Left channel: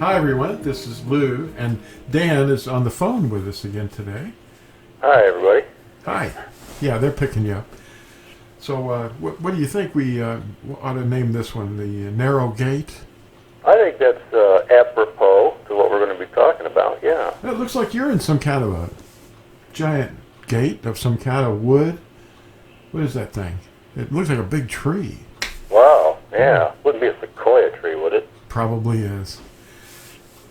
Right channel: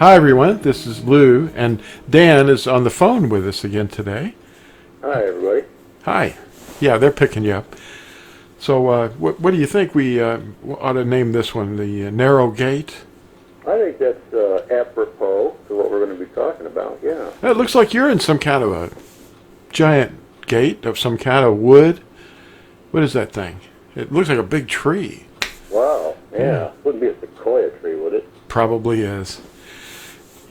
Hi, everyone. This is Lou, and Dan is on the phone with us again today. Hi, everybody. Hi. Yeah, they're picking you up. So, what do you think we ought to name this one? The Narrow Gate? I think that's apropos to what we're going to be talking about, yeah. It looks like you're in some kind of a giant gate of some kind of wood. What is that thing? It looks like a big tree. Wow, yeah. Wouldn't be a sequoia tree, would it? Probably is.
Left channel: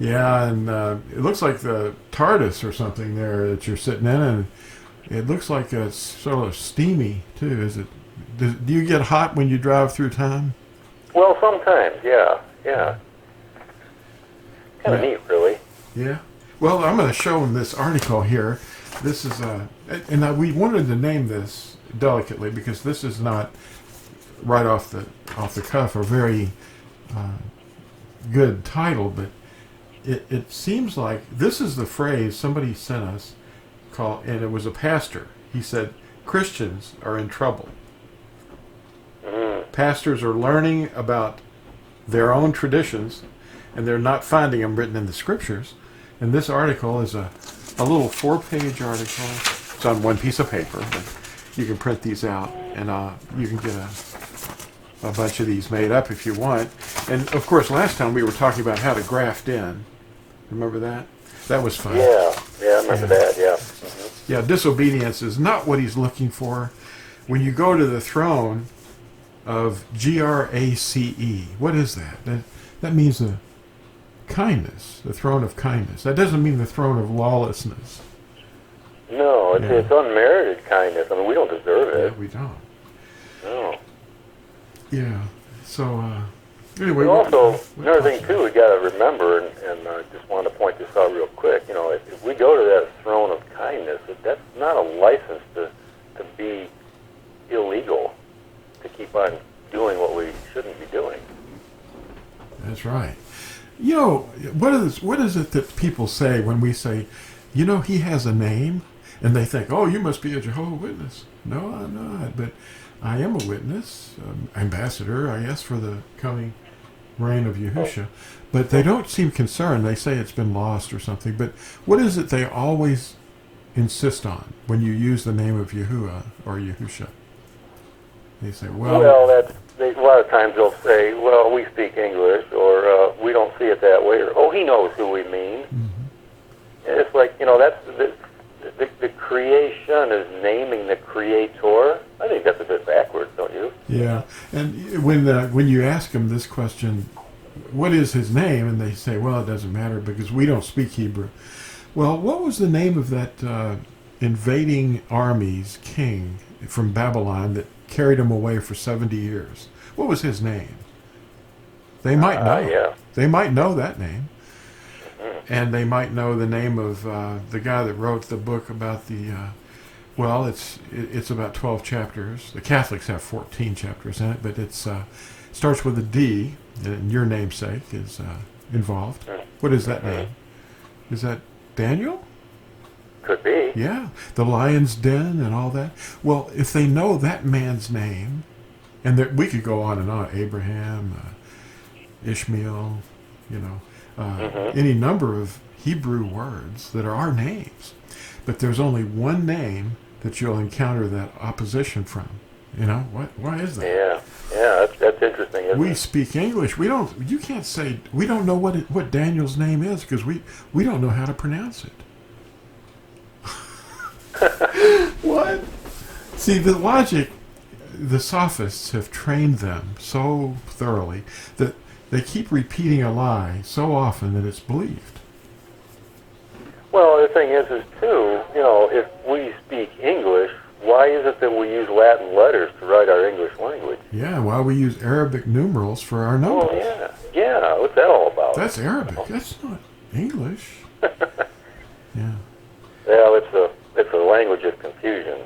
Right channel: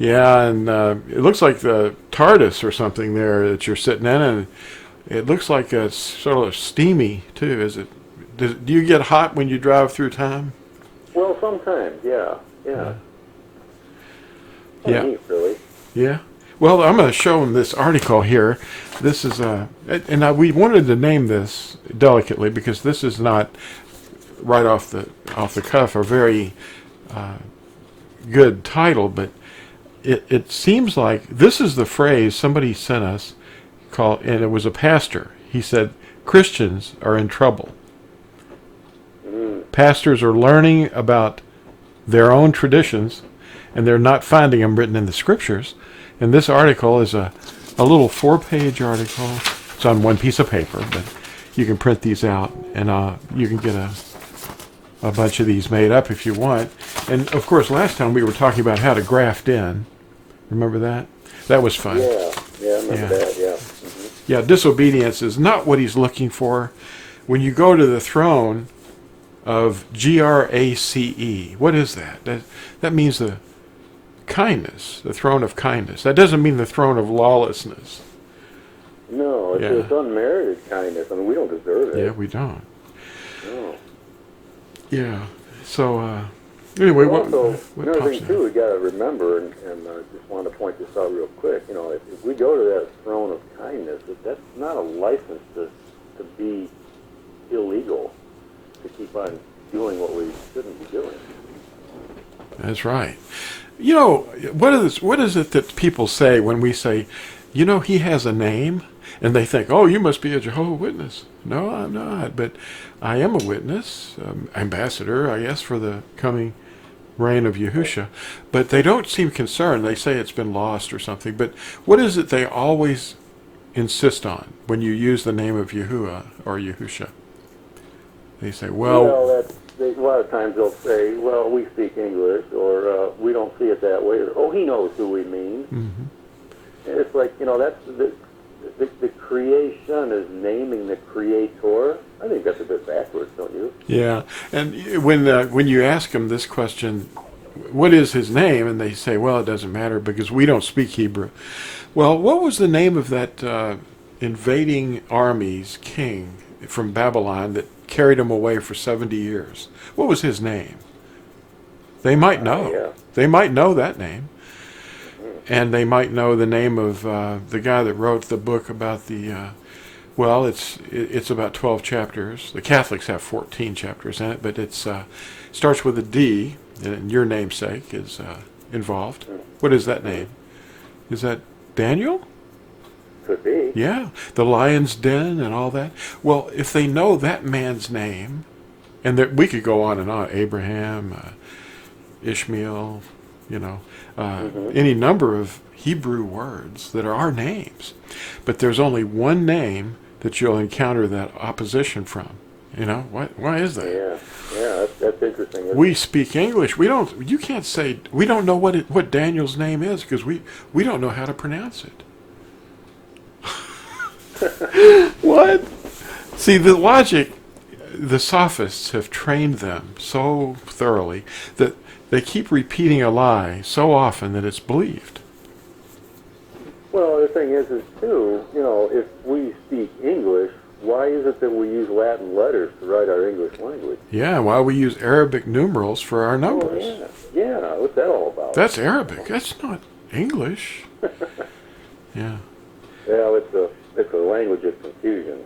Yeah, and it looks like the TARDIS or something there that you're sitting in, and it looks like it's sort of steamy, too. Is it? Do you get hot when you drive through time? Well, sometimes, yeah. Kind of neat, really. Yeah. Well, I'm going to show them this article here. This is we wanted to name this delicately because this is not right off the cuff a very good title, but it seems like this is the phrase somebody sent us and it was a pastor. He said, Christians are in trouble. Pastors are learning about their own traditions, and they're not finding them written in the scriptures. And this article is a little 4-page article. It's on one piece of paper, but you can print these out, and you can get a bunch of these made up if you want. And, of course, last time we were talking about how to graft in. Remember that? That was fun. Yeah, I remember that, yeah. Mm-hmm. Yeah, disobedience is not what he's looking for. When you go to the throne of GRACE, what is that? That means the kindness, the throne of kindness. That doesn't mean the throne of lawlessness. No, it's unmerited kindness. I mean, we don't deserve it. Yeah, we don't. No. Yeah. So, anyway. Also, another thing, too, we got to remember, and I just wanted to point this out real quick, you know, if we go to that throne of kindness, that's not a license to be illegal, to keep on doing what we shouldn't be doing. That's right. You know, what is it that people say when we say, you know, he has a name? And they think, oh, you must be a Jehovah's Witness. No, I'm not, but I am a witness, ambassador, I guess, for the coming reign of Yahusha. But they don't seem concerned. They say it's been lost or something. But what is it they always insist on when you use the name of Yahuwah or Yahusha? They say, well, a lot of times they'll say, well, we speak English, or we don't see it that way, or, oh, he knows who we mean. Mm-hmm. And it's like, you know, that's the creation is naming the creator. I think that's a bit backwards, don't you? Yeah, and when you ask them this question, what is his name? And they say, well, it doesn't matter because we don't speak Hebrew. Well, what was the name of that invading army's king from Babylon that carried him away for 70 years? What was his name? They might know. Yeah. They might know that name. And they might know the name of the guy that wrote the book about the, it's about 12 chapters. The Catholics have 14 chapters in it, but it starts with a D, and your namesake is involved. What is that name? Is that Daniel? Could be. Yeah, the lion's den and all that. Well, if they know that man's name, and we could go on and on, Abraham, Ishmael, you know, any number of Hebrew words that are our names. But there's only one name that you'll encounter that opposition from. You know, why is that? Yeah, that's interesting. We speak English. You can't say, we don't know what Daniel's name is because we don't know how to pronounce it. What? See, the logic, the sophists have trained them so thoroughly that they keep repeating a lie so often that it's believed. Well, the thing is too, you know, if we speak English, why is it that we use Latin letters to write our English language? Yeah, why we use Arabic numerals for our numbers. Oh, yeah. What's that all about? That's Arabic. That's not English. Yeah. Well, it's a language of confusion,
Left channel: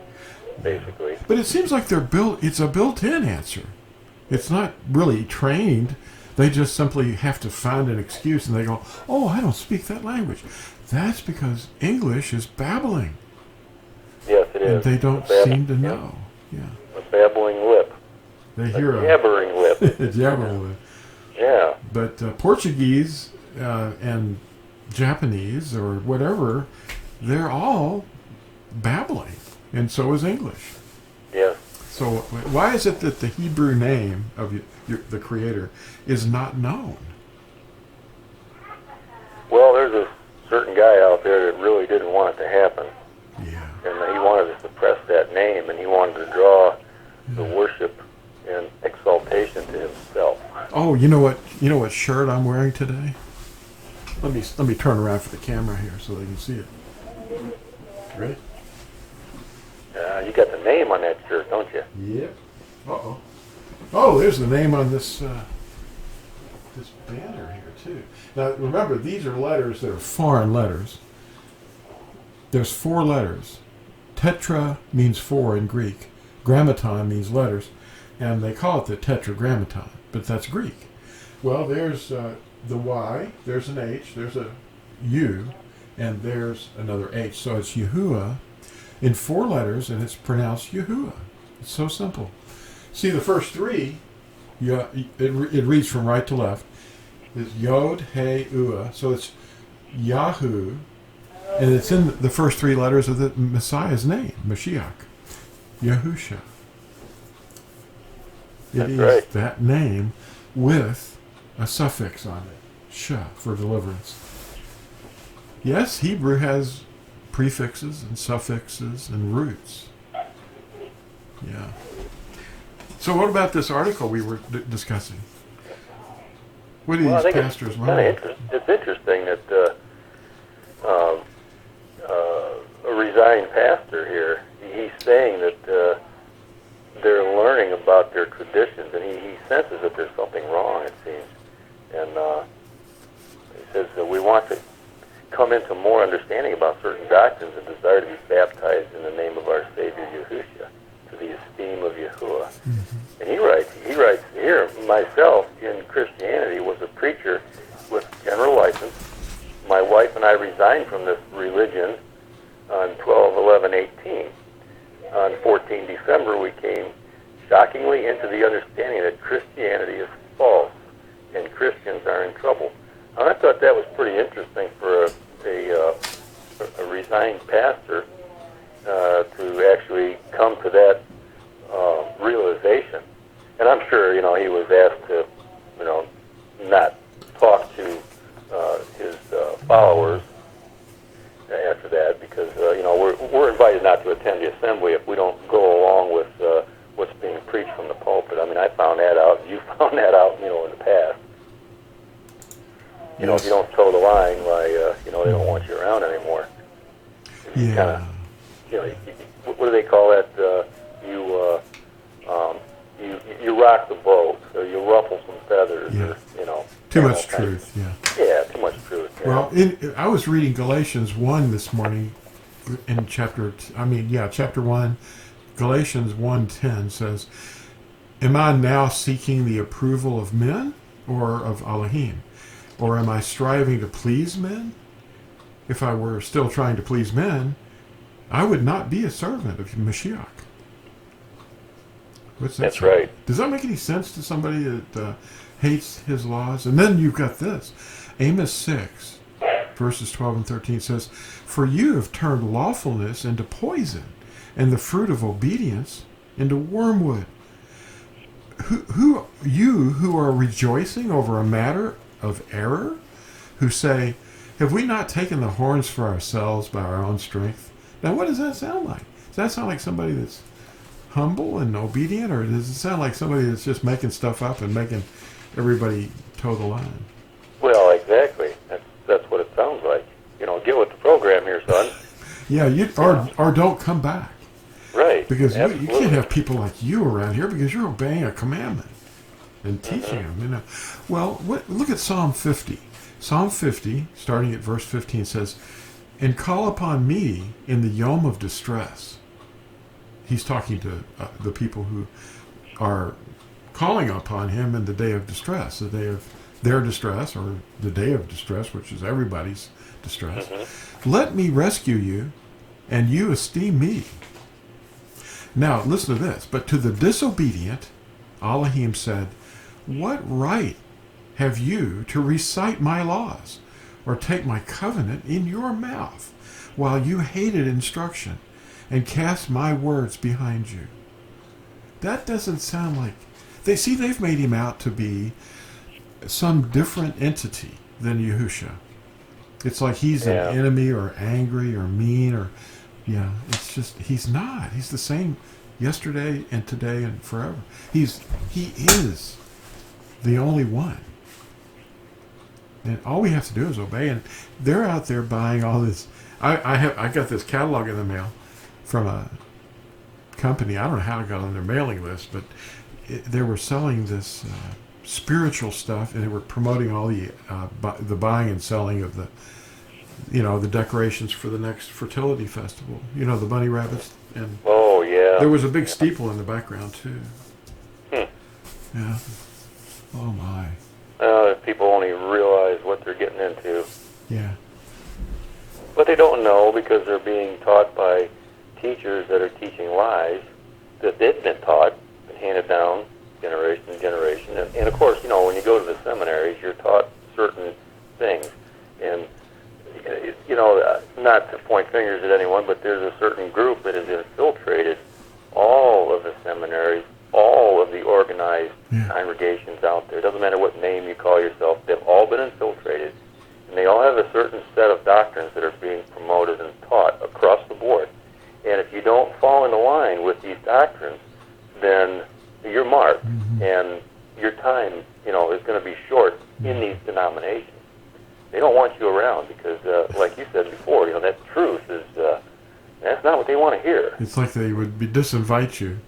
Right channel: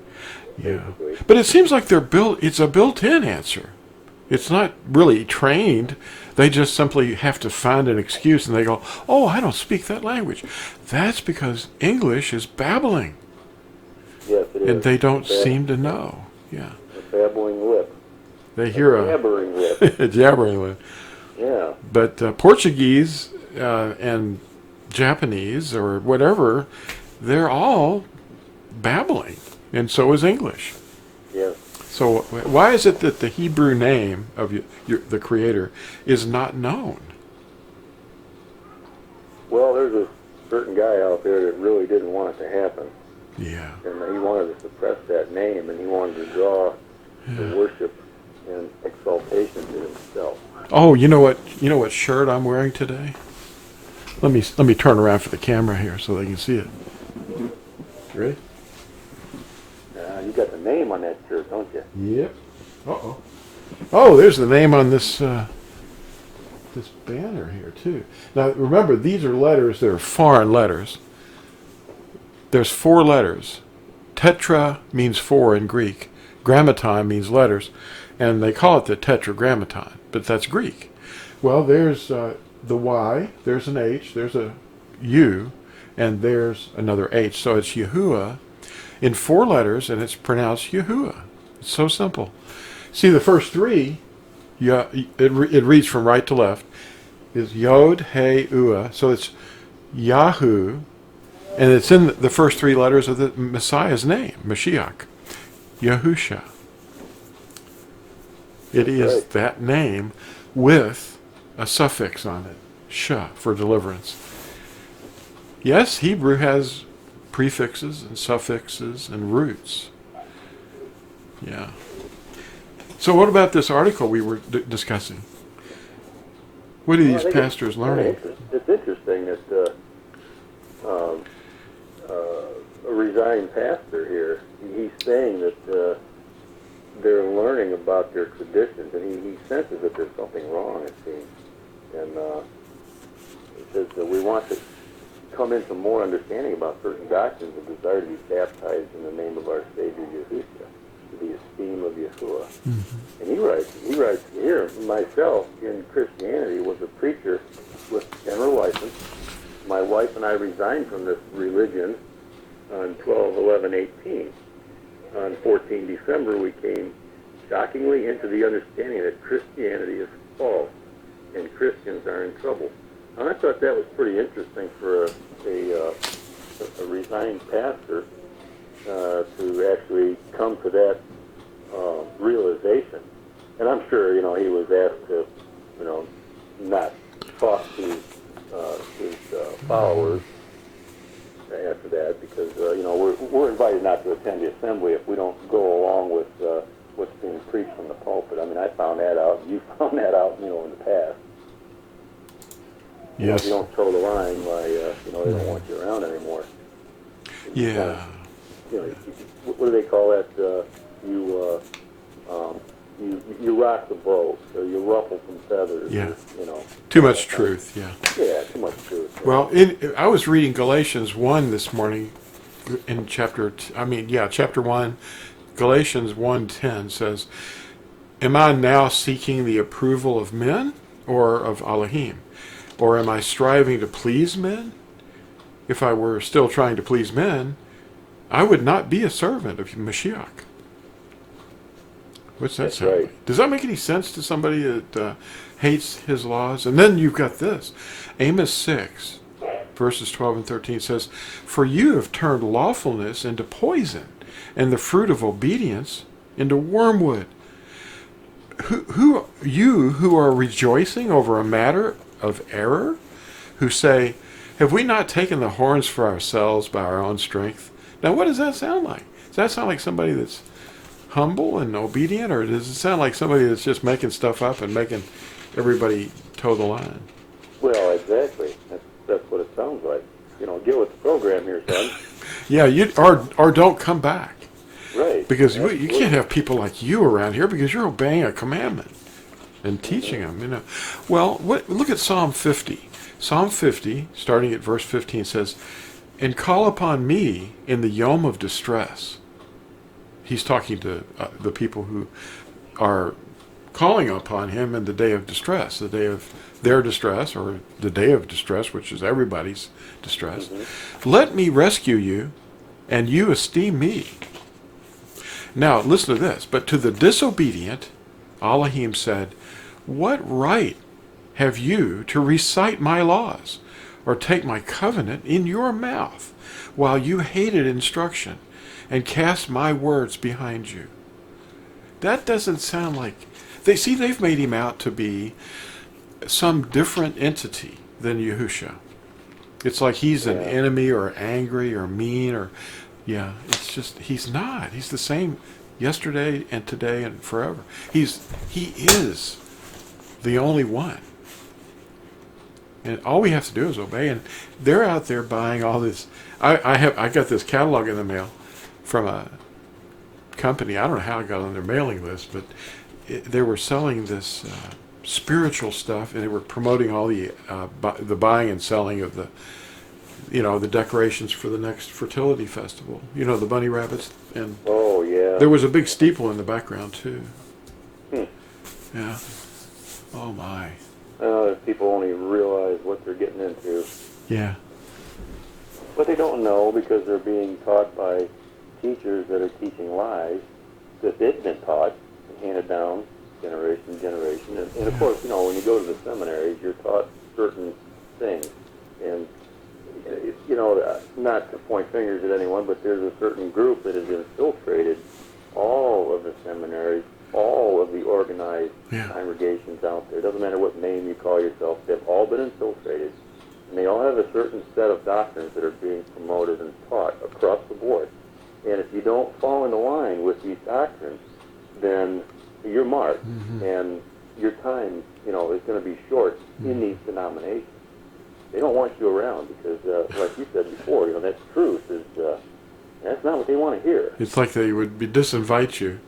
basically. Yeah. But it seems like it's a built-in answer. It's not really trained. They just simply have to find an excuse, and they go, oh, I don't speak that language. That's because English is babbling. Yes, it is. And they don't seem to know. Yeah. A babbling lip. They hear a jabbering lip. a jabbering lip. Yeah. But Portuguese and Japanese or whatever, they're all babbling, and so is English. Yes. So why is it that the Hebrew name of the Creator is not known? Well, there's a certain guy out there that really didn't want it to happen, Yeah. and he wanted to suppress that name, and he wanted to draw the worship and exaltation to himself. Oh, you know what? You know what shirt I'm wearing today? Let me turn around for the camera here so they can see it. Ready? You got the name on that shirt, don't you? Yep. Uh-oh. Oh, there's the name on this this banner here too. Now remember, these are letters. They're foreign letters. There's 4 letters. Tetra means 4 in Greek. Grammaton means letters, and they call it the tetragrammaton, but that's Greek. Well, there's the Y. There's an H. There's a U, and there's another H. So it's Yahuwah in 4 letters, and it's pronounced Yahuwah. It's so simple. See, the first 3, it reads from right to left, is Yod, He, Ua. So it's Yahu, and it's in the first 3 letters of the Messiah's name, Mashiach, Yahusha. It is right. that name with a suffix on it, Sha, for deliverance. Yes, Hebrew has prefixes and suffixes and roots. Yeah. So what about this article we were discussing? What do these pastors learn? It's interesting that a resigned pastor here, he's saying that they're learning about their traditions, and he senses that there's something wrong, it seems. And he says that we want to come into more understanding about certain doctrines and desire to be baptized in the name of our Savior Yahushua, to the esteem of Yahuwah. Mm-hmm. And he writes here, myself in Christianity was a preacher with general license. My wife and I resigned from this religion on 12/11/18. On 14 December, we came shockingly into the understanding that Christianity is false and Christians are in trouble. And I thought that was pretty interesting for a resigned pastor to actually come to that realization. And I'm sure, he was asked to, not talk to his followers after that, because we're invited not to attend the assembly if we don't go along with what's being preached from the pulpit. I mean, I found that out. You found that out, in the past. Yes. If you don't toe the line, why they don't want you around anymore. Yeah. What do they call that? You rock the boat, or you ruffle some feathers. Yeah. Or, too much truth. Yeah. Yeah, too much truth. Yeah. Well, I was reading Galatians 1 this morning, in chapter 1. Galatians 1:10 says, "Am I now seeking the approval of men or of Elohim? Or am I striving to please men? If I were still trying to please men, I would not be a servant of Mashiach." What's that? That's say? right. Does that make any sense to somebody that hates his laws? And then you've got this. Amos 6, verses 12 and 13 says, "For you have turned lawfulness into poison, and the fruit of obedience into wormwood. Who are rejoicing over a matter of error, who say, have we not taken the horns for ourselves by our own strength?" Now, what does that sound like? Does that sound like somebody that's humble and obedient, or does it sound like somebody that's just making stuff up and making everybody toe the line? Well, exactly. That's what it sounds like. Get with the program here, son. Yeah, or don't come back. Right. Because you can't have people like you around here because you're obeying a commandment and teaching them. Well, look at Psalm 50. Psalm 50, starting at verse 15, says, "And call upon me in the yom of distress." He's talking to the people who are calling upon him in the day of distress, the day of their distress, or the day of distress, which is everybody's distress. Mm-hmm. "Let me rescue you, and you esteem me." Now, listen to this. "But to the disobedient, Elohim said, what right have you to recite my laws or take my covenant in your mouth while you hated instruction and cast my words behind you? That doesn't sound like... they've made him out to be some different entity than Yahusha. It's like he's an enemy or angry or mean or... Yeah, it's just, he's not. He's the same yesterday and today and forever. He is the only one. And all we have to do is obey. And they're out there buying all this. I got this catalog in the mail from a company. I don't know how I got on their mailing list, but they were selling this spiritual stuff, and they were promoting all the buying and selling of the decorations for the next fertility festival. The bunny rabbits, and there was a big steeple in the background too. Yeah. Oh my. People only realize what they're getting into. Yeah. But they don't know because they're being taught by teachers that are teaching lies that they've been taught and handed down generation to generation. And of course, when you go to the seminaries, you're taught certain things. And, not to point fingers at anyone, but there's a certain group that has infiltrated all of the seminaries, all of the organized congregations out there. It doesn't matter what name you call yourself. They've all been infiltrated. And they all have a certain set of doctrines that are being promoted and taught across the board. And if you don't fall into line with these doctrines, then you're marked. Mm-hmm. And your time, is going to be short in these denominations. They don't want you around because, like you said before, that truth is, that's not what they want to hear. It's like they would disinvite you.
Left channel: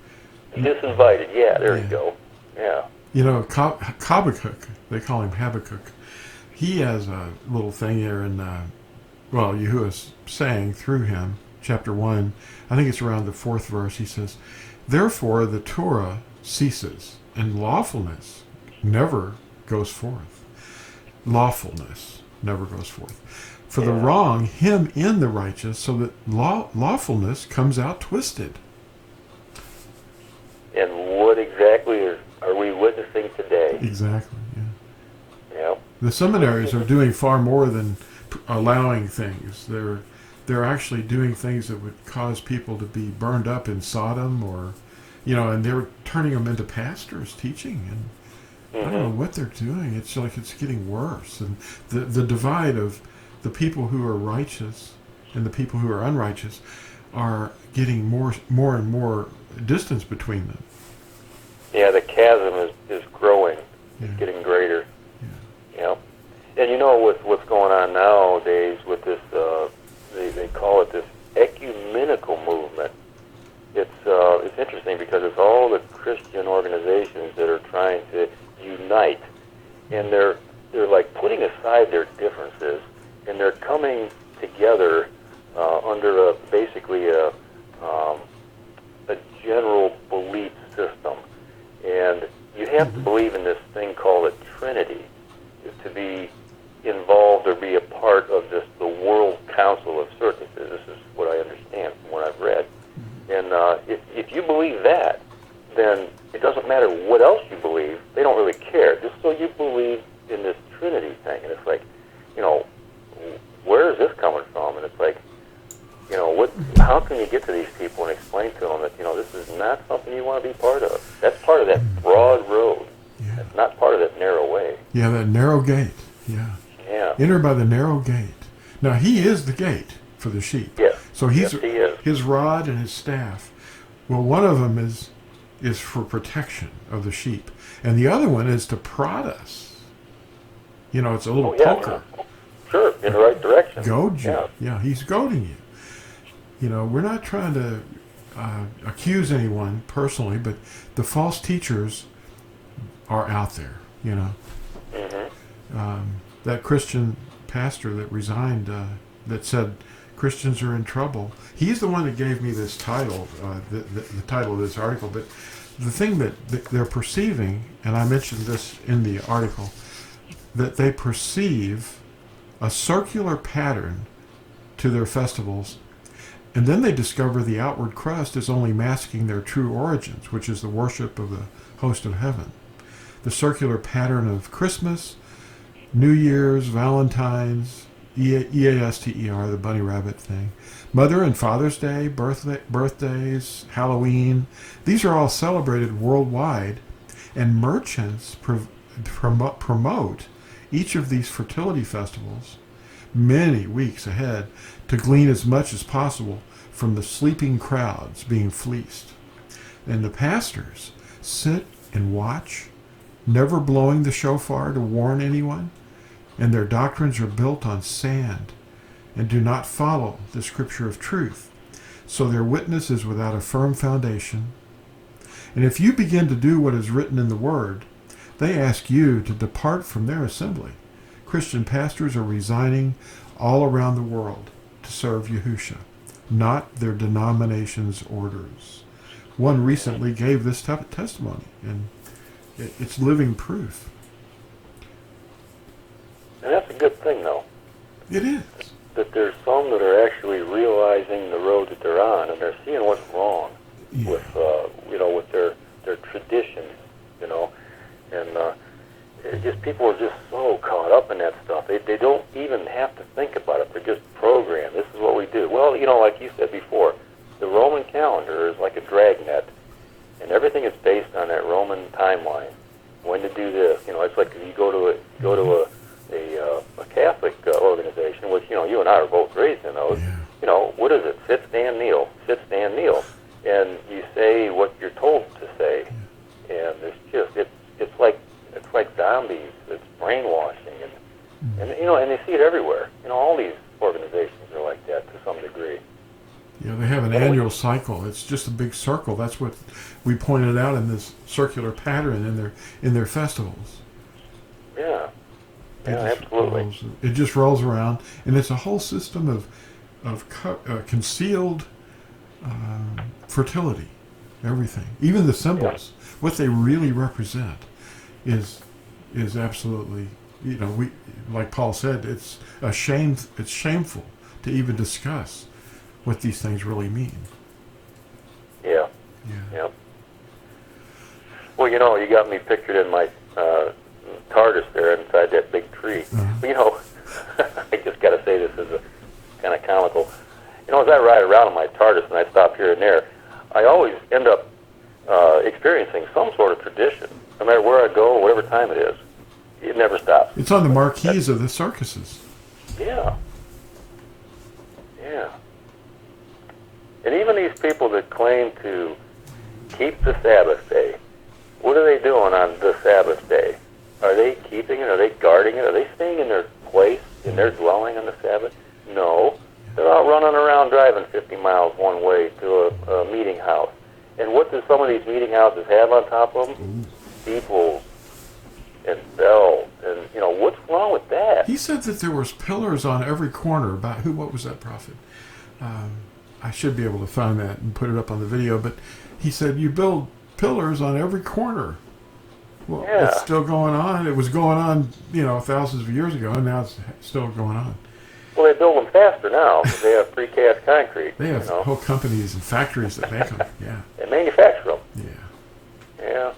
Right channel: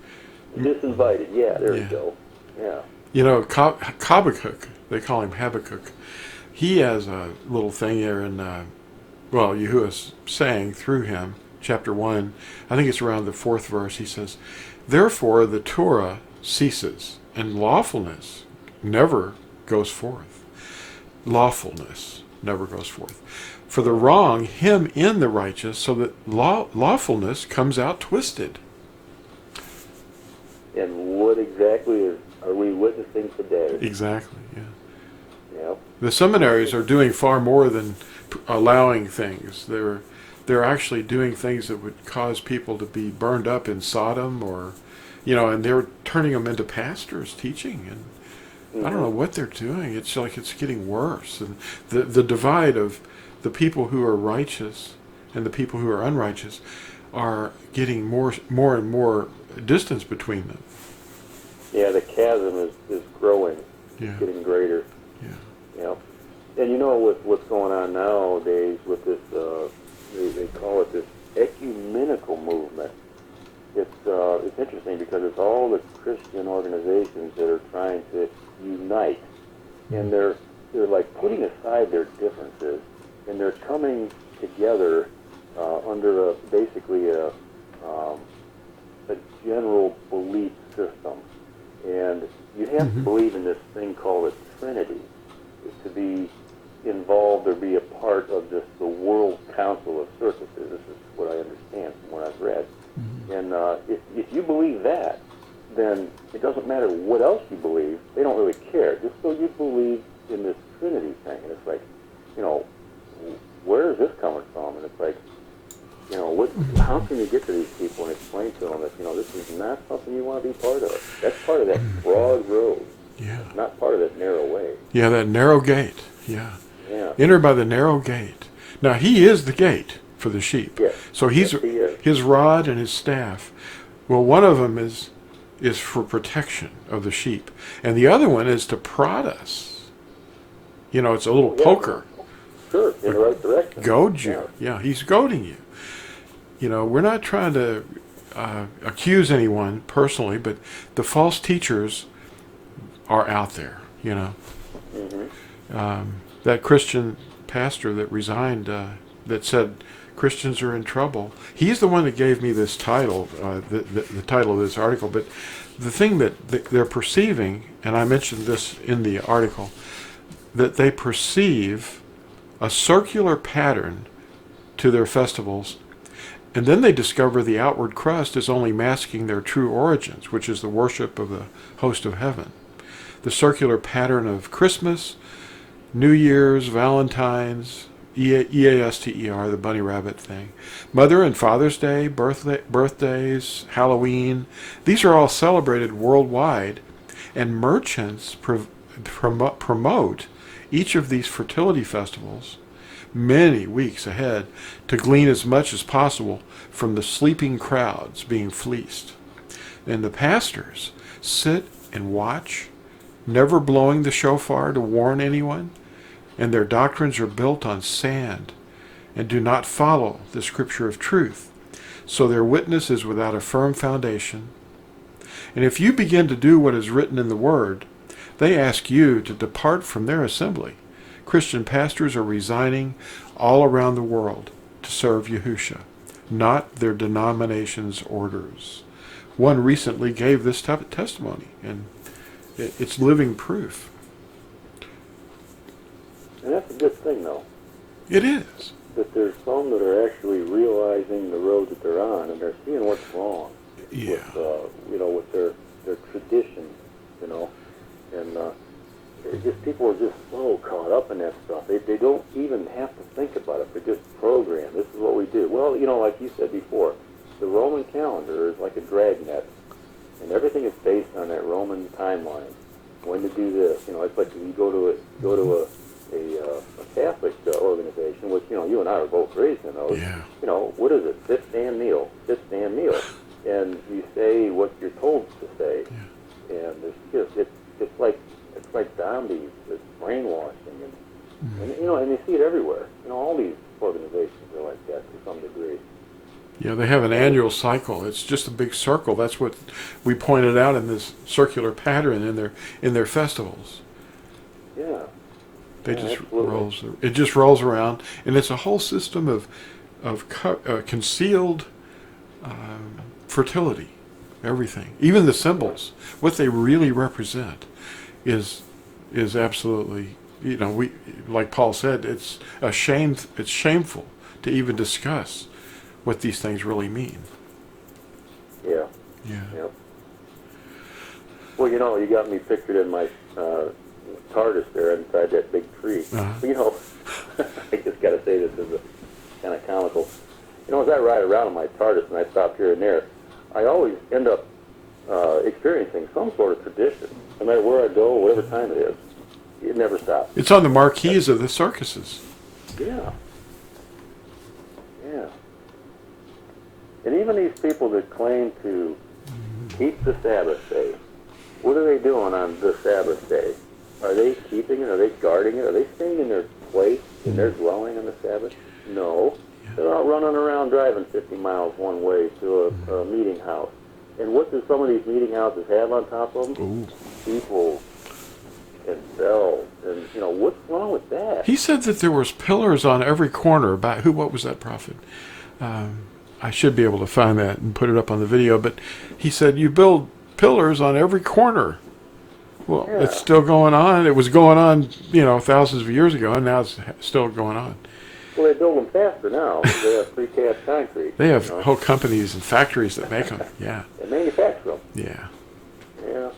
Disinvited, there you go. Yeah. Habakkuk, they call him Habakkuk. He has a little thing there in, Yahuwah's saying through him, chapter 1, I think it's around the 4th verse, he says, "Therefore the Torah ceases, and lawfulness never goes forth." Lawfulness never goes forth. For the wrong him in the righteous, so that lawfulness comes out twisted. And what exactly are we witnessing today? Exactly, yeah. Yeah. The seminaries are doing far more than allowing things. They're actually doing things that would cause people to be burned up in Sodom, or, and they're turning them into pastors teaching, and I don't know what they're doing. It's like it's getting worse, and the divide of the people who are righteous and the people who are unrighteous are getting more and more distance between them. Yeah, the chasm is growing. Yeah. It's getting greater. Yeah. And with what's going on nowadays with this, they call it this ecumenical movement. It's interesting because it's all the Christian organizations that are trying to unite, and they're like putting aside their differences, and they're coming together under basically a general belief system. And you have to believe in this thing called a Trinity to be involved or be a part of the World Council of Circuses. This is what I understand from what I've read. And if you believe that, then it doesn't matter what else you believe. They don't really care. Just so you believe in this Trinity thing. And it's like, where is this coming from? And it's like, how can you get to these people and explain to them that, this is not something you want to be part of? That's part of that broad road. Yeah. It's not part of that narrow way. Yeah, that narrow gate. Yeah. Yeah. Enter by the narrow gate. Now, he is the gate for the sheep. Yes. So he is. His rod and his staff. Well, one of them is for protection of the sheep, and the other one is to prod us. It's a little poker. Sure, in the right direction. Goad you. Yeah, he's goading you. We're not trying to accuse anyone personally, but the false teachers are out there. That Christian pastor that resigned, that said Christians are in trouble. He's the one that gave me this title, the title of this article. But the thing that they're perceiving, and I mentioned this in the article, that they perceive a circular pattern to their festivals, and then they discover the outward crust is only masking their true origins, which is the worship of the host of heaven. the circular pattern of Christmas, New Year's, Valentine's, EASTER, the bunny rabbit thing, Mother and Father's Day, birthdays, Halloween. These are all celebrated worldwide, and merchants promote each of these fertility festivals many weeks ahead to glean as much as possible from the sleeping crowds being fleeced. And the pastors sit and watch, never blowing the shofar to warn anyone, and their doctrines are built on sand and do not follow the scripture of truth. So their witness is without a firm foundation. And if you begin to do what is written in the Word, they ask you to depart from their assembly. Christian pastors are resigning all around the world to serve Yahusha, not their denomination's orders. One recently gave this type of testimony, and it's living proof. And that's a good thing, though. It is. That there's some that are actually realizing the road that they're on, and they're seeing what's wrong with their traditions, and it just people are just so caught up in that stuff. They don't even have to think about it. They're just programmed. This is what we do. Well, like you said before, the Roman calendar is like a dragnet, and everything is based on that Roman timeline. When to do this, it's like if you go to a Catholic organization, which you and I are both raised in those. Yeah. What is it? Sit, stand, kneel. Sit, stand, kneel, and you say what you're told to say. Yeah. And it's like zombies. It's brainwashing, and and they see it everywhere. All these organizations are like that to some degree. Yeah, they have an annual cycle. It's just a big circle. That's what we pointed out in this circular pattern in their festivals. Yeah. Absolutely. It just rolls around, and it's a whole system of concealed fertility. Everything, even the symbols, what they really represent, is absolutely, we, like Paul said, it's shameful to even discuss what these things really mean. Yeah. Well, you got me pictured in my TARDIS there inside that big tree. Uh-huh. I just got to say this is a kind of comical. As I ride around in my TARDIS and I stop here and there, I always end up experiencing some sort of tradition, no matter where I go, whatever time it is. It never stops. It's on the marquees of the circuses. Yeah. And even these people that claim to keep the Sabbath day, what are they doing on the Sabbath day? Are they keeping it? Are they guarding it? Are they staying in their place, in their dwelling on the Sabbath? No. They're out running around driving 50 miles one way to a meeting house. And what do some of these meeting houses have on top of them? People and bells. And, what's wrong with that? He said that there was pillars on every corner. What was that prophet? I should be able to find that and put it up on the video. But he said, you build pillars on every corner. Well, It's still going on. It was going on, thousands of years ago, and now it's still going on. Well, they build them faster now. They have precast concrete. They have whole companies and factories that make them. Yeah. They manufacture them. Yeah.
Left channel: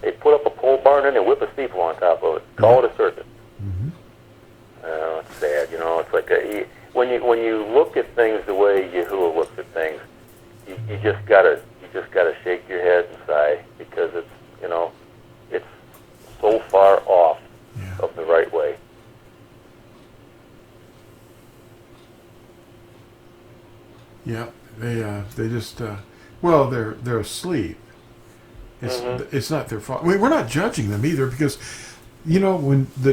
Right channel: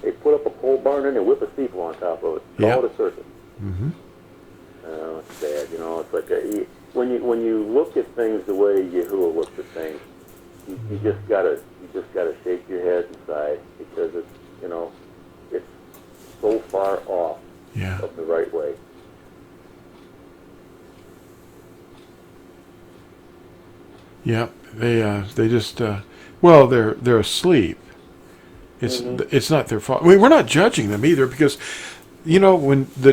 They put up a pole barn and they whip a steeple on top of it. Call it a circuit. Mm-hmm. It's sad. It's like when you look at things the way Yahuwah looks at things, you just gotta shake your head and sigh, because it's so far off of the right way. Yeah, they just they're asleep. It's not their fault. I mean, we're not judging them either, because when in the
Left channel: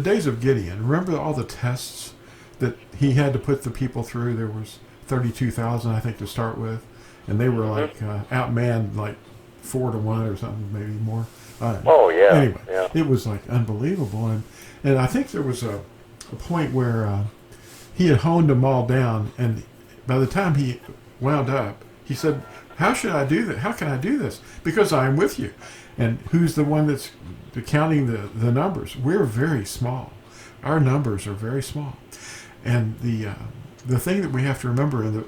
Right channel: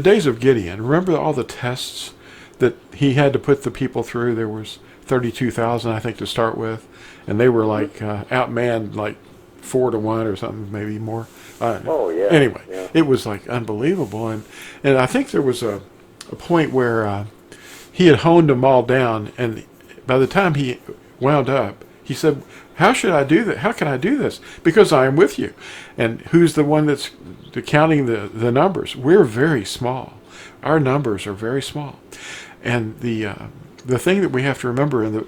days of Gideon, remember all the tests that he had to put the people through. There was 32,000, I think, to start with, and they were like outmanned like 4 to 1 or something, maybe more. Anyway, it was like unbelievable, and I think there was a point where he had honed them all down, and by the time he wound up, he said, how should I do that? How can I do this? Because I am with you. And who's the one that's counting the numbers? We're very small. Our numbers are very small. And the thing that we have to remember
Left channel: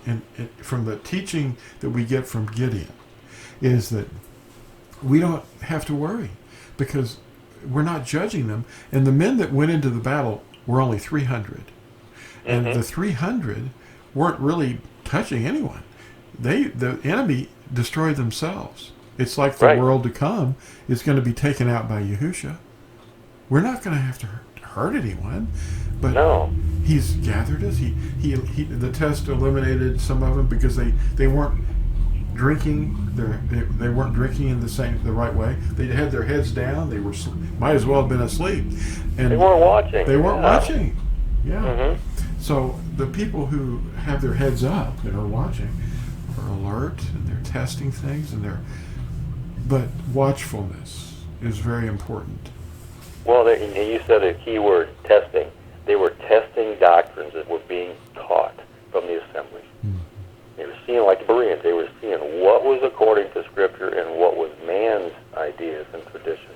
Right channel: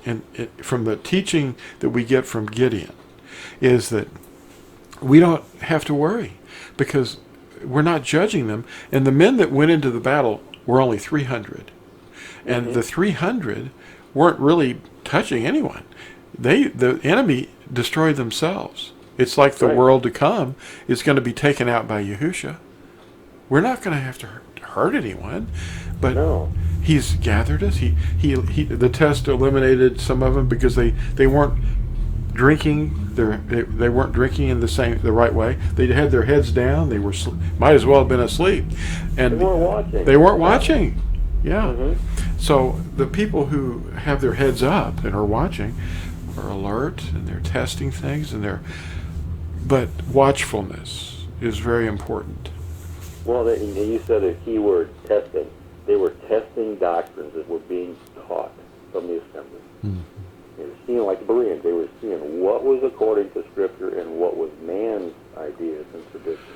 from the teaching that we get from Gideon is that we don't have to worry. because we're not judging them. And the men that went into the battle were only 300. And the 300 weren't really touching anyone. The enemy destroyed themselves. It's like the world to come is going to be taken out by Yahusha. We're not going to have to hurt anyone, but he's gathered us. The test eliminated some of them because they weren't drinking. They weren't drinking in the right way. They had their heads down. They were might as well have been asleep, and they weren't watching. They weren't watching. Yeah. So the people who have their heads up and are watching are alert and they're testing things but watchfulness is very important. Well, you said a key word, testing. They were testing doctrines that were being taught from the assemblies. They were seeing, like the Bereans, they were seeing what was according to Scripture and what was man's ideas and traditions.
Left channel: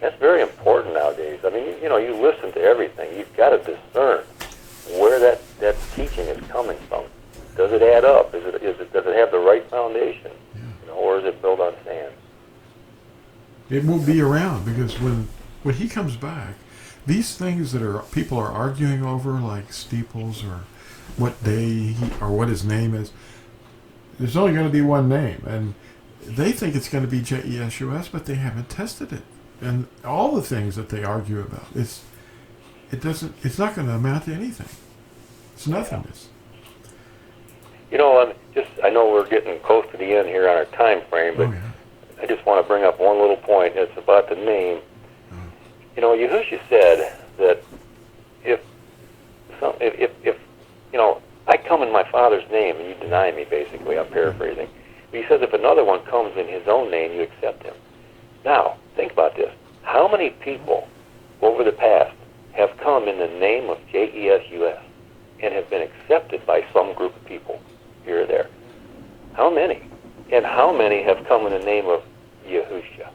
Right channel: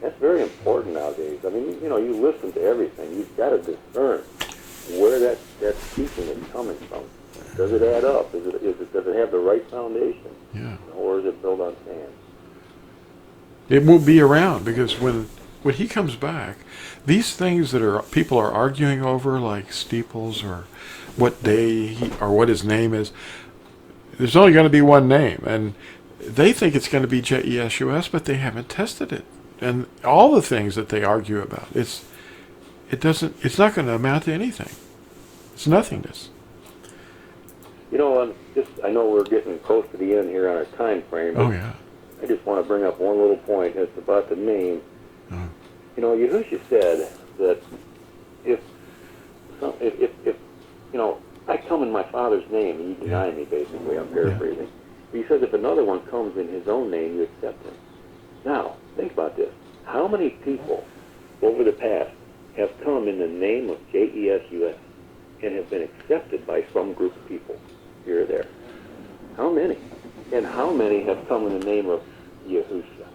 That's very important nowadays. I mean, you listen to everything. You've got to discern where that teaching is coming from. Does it add up? Does it have the right foundation? Or is it built on sand? It won't be around, because when he comes back, these things that people are arguing over, like steeples or what day or what his name is, there's only going to be one name, and they think it's going to be JESUS, but they haven't tested it. And all the things that they argue about, it's not going to amount to anything. It's nothingness. I know we're getting close to the end here on our time frame, but I just want to bring up one little point. It's about the name. Yahusha said that if I come in my Father's name and you deny me, basically, I'm paraphrasing. But he says if another one comes in his own name, you accept him. Now, think about this. How many people over the past have come in the name of JESUS and have been accepted by some group of people here or there? How many? And how many have come in the name of Yahusha?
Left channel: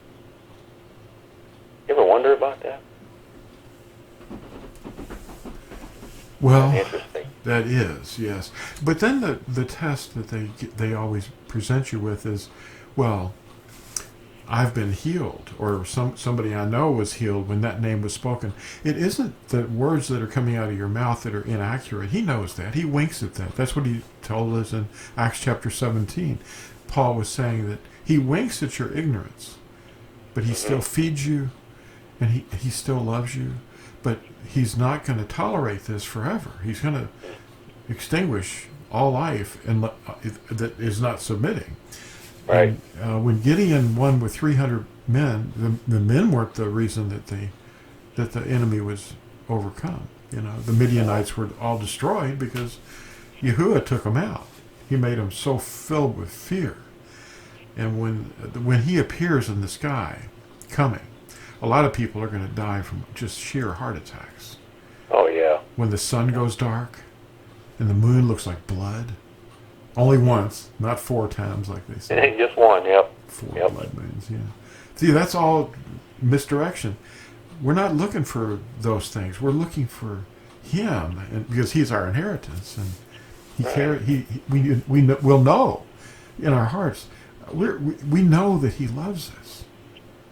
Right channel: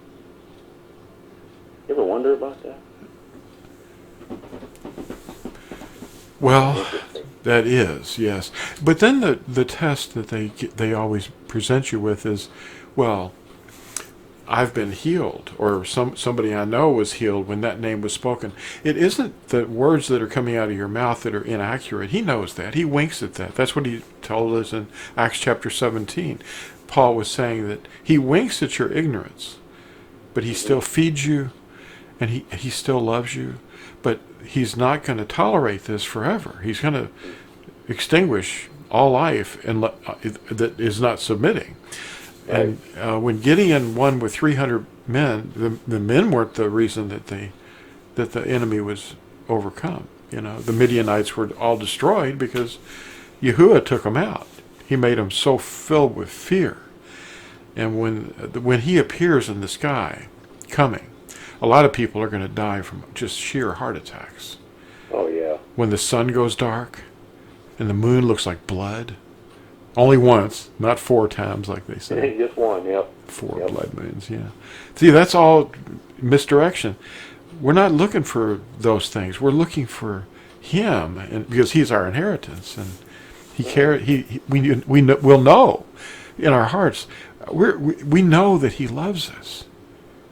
You ever wonder about that? Well, that is, yes. But then the test that they always present you with is, well, I've been healed, or somebody I know was healed when that name was spoken. It isn't the words that are coming out of your mouth that are inaccurate. He knows that. He winks at that. That's what he told us in Acts chapter 17. Paul was saying that he winks at your ignorance, but he still feeds you, and he still loves you, but he's not going to tolerate this forever. He's going to extinguish all life and that is not submitting. Right. And when Gideon won with 300 men, the men weren't the reason that the enemy was overcome. The Midianites were all destroyed because Yahuwah took them out. He made them so filled with fear. And when he appears in the sky, coming, a lot of people are going to die from just sheer heart attacks. Oh, yeah. When the sun goes dark and the moon looks like blood. Only once, not 4 times like they say. Just one, yep. 4 blood moons, yeah. See, that's all misdirection. We're not looking for those things. We're looking for him, and because he's our inheritance, and he cares. We'll know in our hearts. We know that he loves us.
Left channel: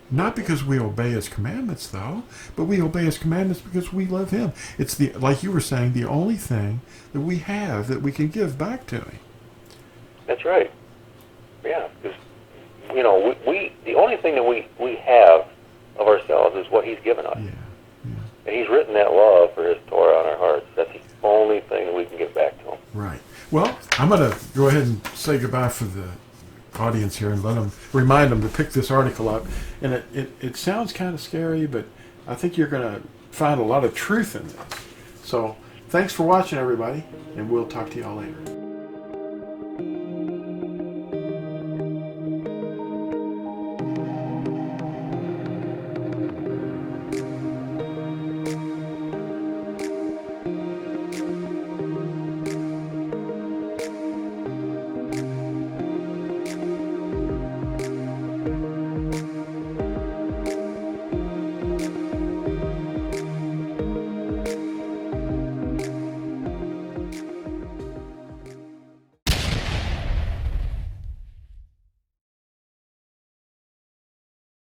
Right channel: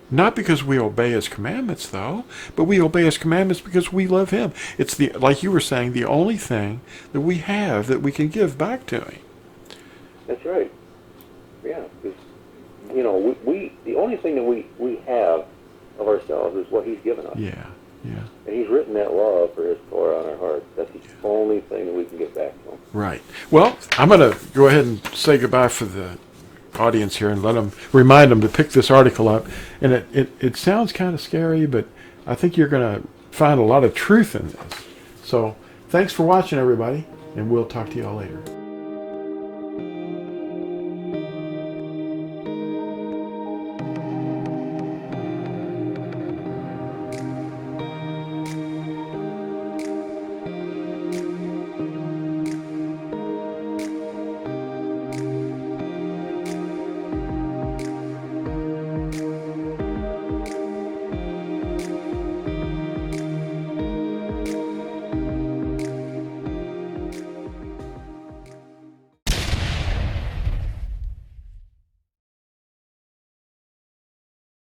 Not because we obey his commandments, though, but we obey his commandments because we love him. It's like you were saying, the only thing that we have that we can give back to him. That's right. Yeah, because we the only thing that we have of ourselves is what he's given us. Yeah. And he's written that love for his Torah on our hearts. That's the only thing that we can give back to him. Right. Well, I'm going to go ahead and say goodbye for the audience here and remind them to pick this article up. And it sounds kind of scary, but I think you're going to find a lot of truth in this. So thanks for watching, everybody, and we'll talk to y'all later.